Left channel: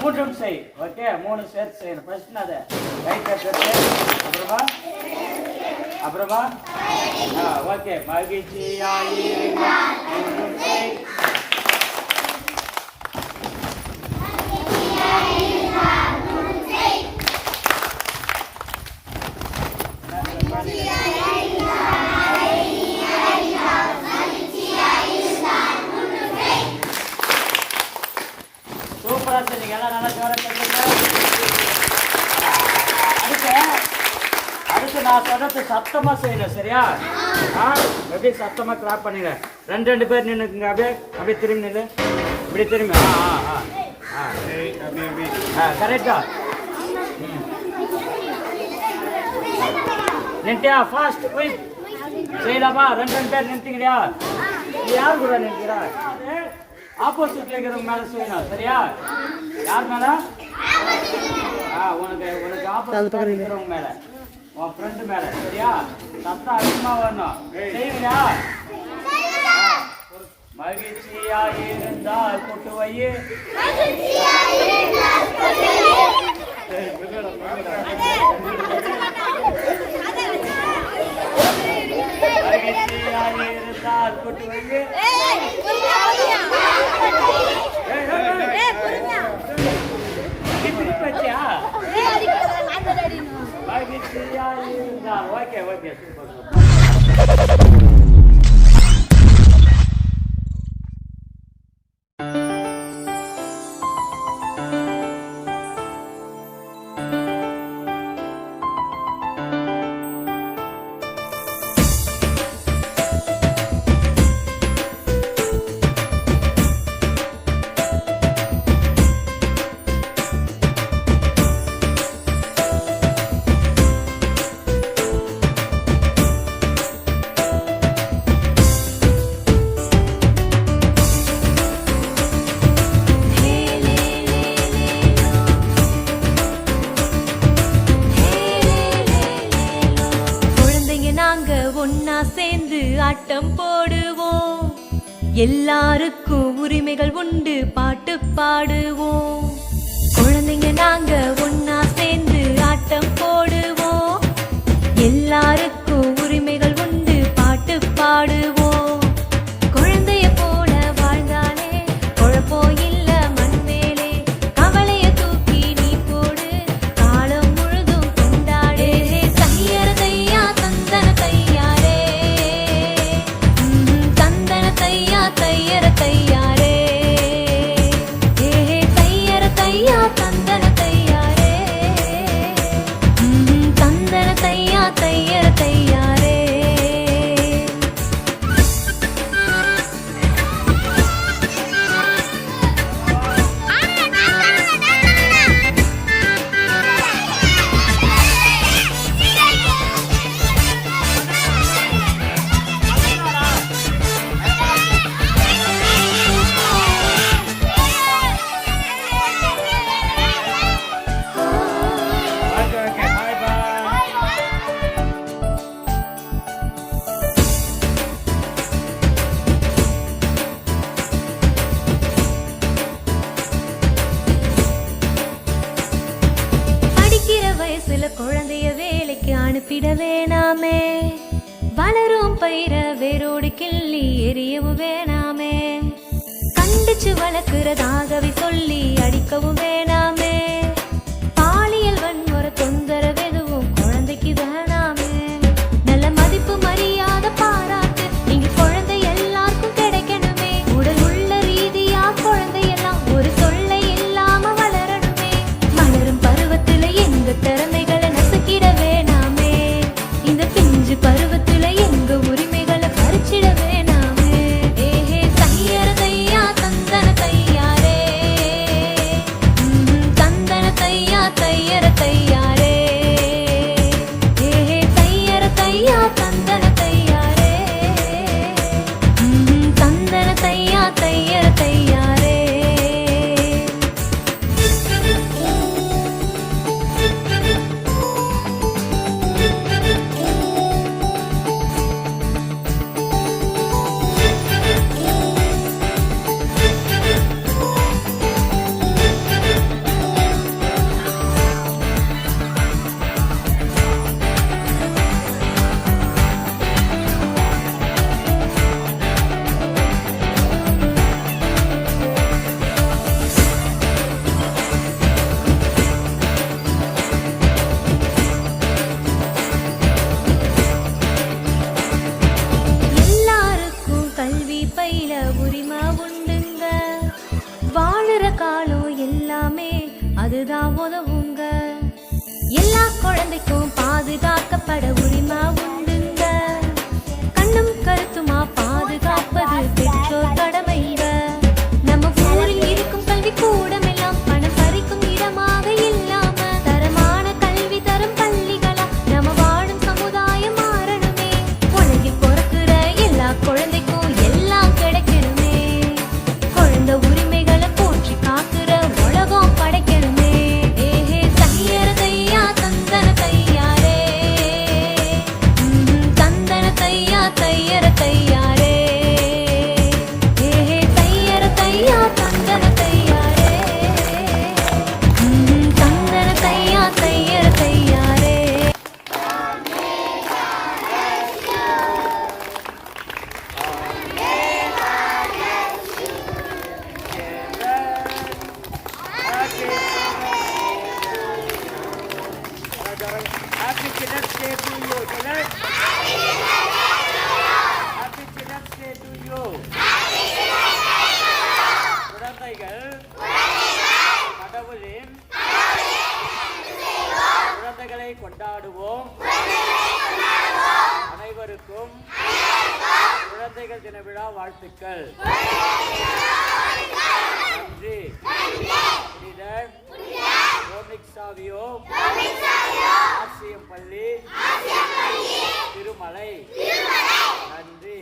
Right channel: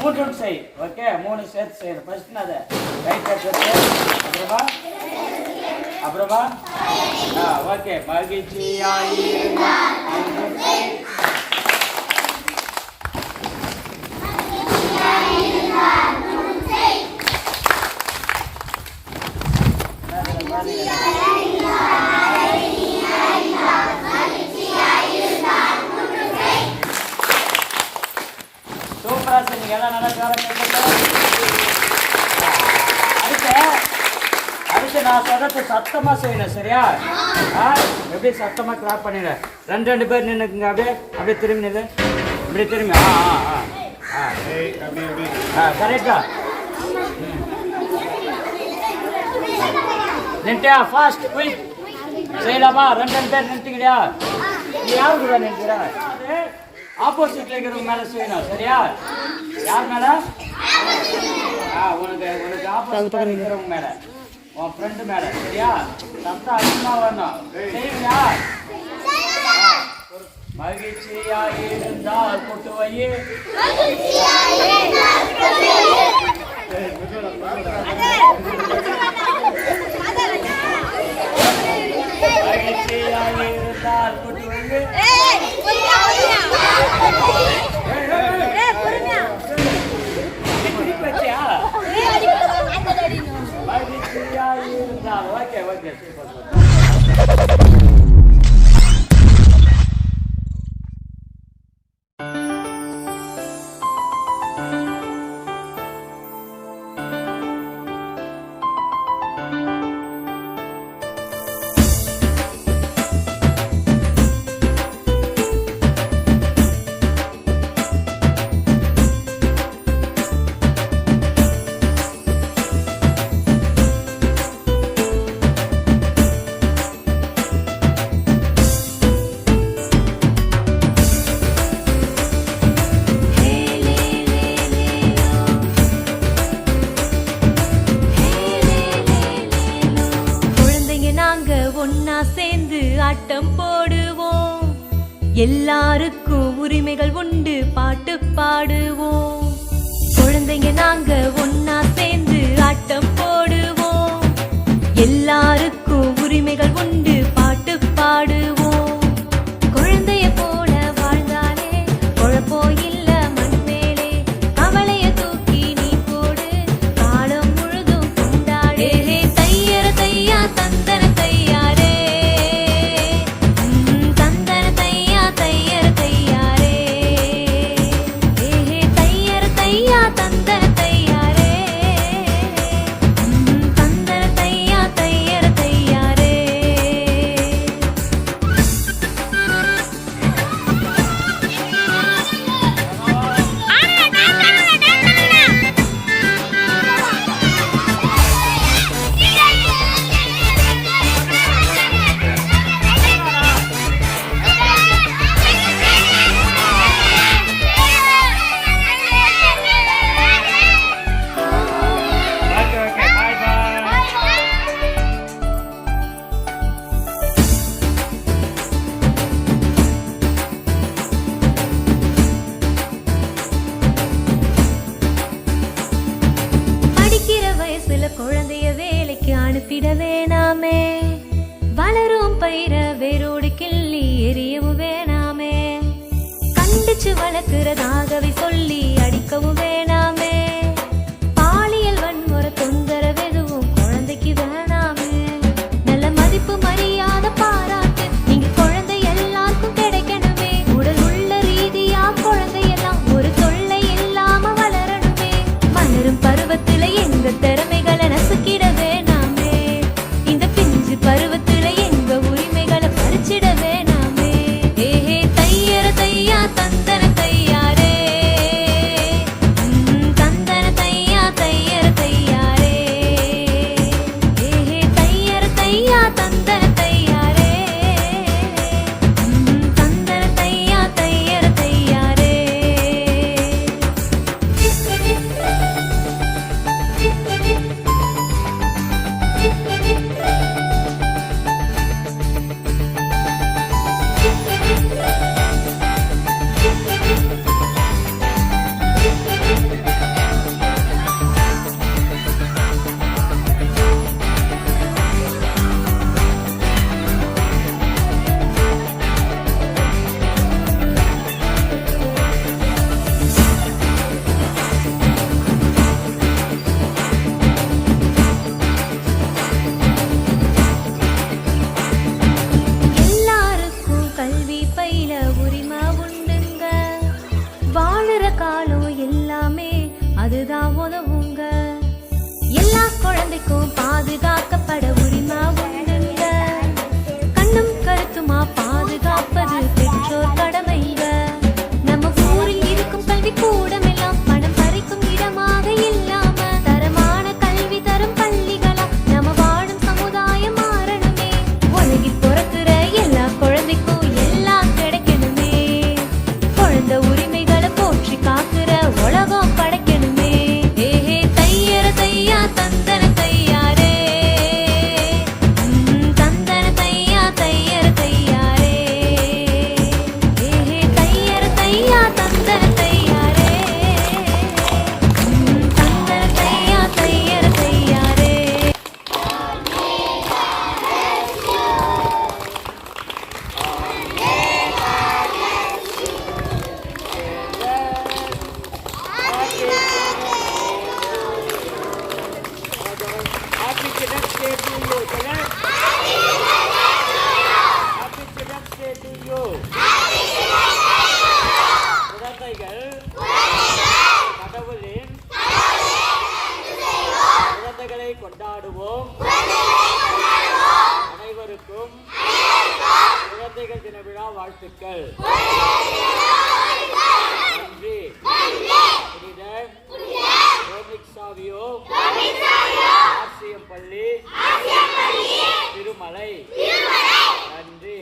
மூன்றும் செய். ஓகே, 3 சேர்த்து செய்யணும். ஃபர்ஸ்ட் அதை ரைட்டை கட்டு, அப்புறமா ஓகே. மகிழ்ச்சியாய் சூப்பரா செஞ்சீங்க. எல்லாம் நல்லா ஜோரா கேட்குங்க. அடுத்து நான் சொல்றது சத்தமா செய்யணும். சரியா? எப்படி சத்தமா கிளாப் பண்ணிடுங்க. ரெண்டு பேர் நின்னுக்குங்க. அப்படியே திரும்பி நில்லு. இப்படி திரும்பி. கரெக்டா நின்ட்டியா? ஃபாஸ்ட் குயிக் செய்யலாமா? ரெண்டு பேர் நின்ட்டீங்கயா? யார் கூட நின்றுறா? ஆப்போசிட்ல இருக்கிறவங்க மேல செய்யணும். சரியா? யார் மேல? உனக்கு ஆப்போசிட்ல இருக்கிறவங்க மேல, உன் ஃப்ரெண்டு மேல. சரியா? சத்தம் அதிகமா வரணும். செய்வீங்களா? மகிழ்ச்சியாக இருந்தால் கொட்டு வையே. மகிழ்ச்சியாக இருந்தால் கொட்டு வையே. Okay okay. ஒன்னா சேர்ந்து ஆட்டம் போடுவோம். எல்லாருக்கும் உரிமைகள் உண்டு, பாட்டு பாடுவோம். குழந்தைங்க நாங்க ஒன்னா சேர்ந்து ஆட்டம் போடுவோம். எல்லாருக்கும் உரிமைகள் உண்டு, பாட்டு பாடுவோம். குழந்தைய போல வாழ்ந்தாலே குழப்பம் இல்ல மண் மேலே. கவலைய தூக்கி நீ போடு, காலம் முழுதும் கொண்டாடு. தையா தையா தந்தன தையாரே, தந்தன தையா தையர தையாரே. தையர தையா தந்தன தையாரே, தந்தன தையா தையர தையாரே. ஓகே பாய் பாய். படிக்கிற வயசுல குழந்தைய வேலைக்கு அனுப்பிட வேணாமே. வளரும் பயிர வேரோடு கிள்ளி எரியவும் வேணாமே. கண்டிச்சு வளர்க்கிறதாகவே சொல்லி அடிக்கவும் வேணாமே. பாலியல் வன்முறை தொந்தரவெதுவும் குழந்தைக்கு வேணாமே. நல்ல மதிப்பு மரியாதை பாராட்டு நீங்க குழந்தை எல்லாருக்கும் கிடைக்கணுமே. உடல் உள்ள ரீதியா குழந்தையெல்லாம் ஒரு தொல்லை இல்லாம வளரணுமே. வளரும் பருவத்துல எந்த திறமைகளை நசுக்கிட வேணாமே. இந்த பிஞ்சு பருவத்துல எங்க உரிமைகளை பறிச்சிட வேணாமே. தையர தையா தந்தன தையாரே, அதுதான் உதவுங்க. எல்லா குழந்தைக்கும் பாதுகாக்கப்பட உரிமை உண்டுங்க. கண்ணும் கருத்துமா பாதுகாப்பது பெற்றோர் கடமைங்க. நம்ம ஊரில் இருக்கும் கல்வி கூடம் எல்லாம் பணம் பறிக்கும் இடமாக இல்லாம தரமான கல்வி தரும் பள்ளிகளா நம்ம வாழும் சமுதாயம் மாறணுமே. உலகில் பிறக்கிற எல்லா குழந்தைக்கும் எல்லாம் கிடைக்கணுமே. குழந்தை உரிமைகளை போற்றி காக்கிற உலகம் படைக்கணுமே. ஏஹே தையர தையா தந்தன தையாரே, தந்தன தையா தையர தையாரே. ஏஹே தையர தையா தந்தன தையாரே, தந்தன தையா தையர தையாரே. Happy Children's Day to you, children. Happy Children's Day to you. குழந்தைகள் கடவுளின் குழந்தைகளை கொண்டாடுவோம். அனைவருக்கும் குழந்தைகள் தின விழா வாழ்த்துக்கள். நன்றி. புனிதர் ரோமிக் சாவியோ ஆர்சிஎம் பள்ளி திருமலை. நன்றி.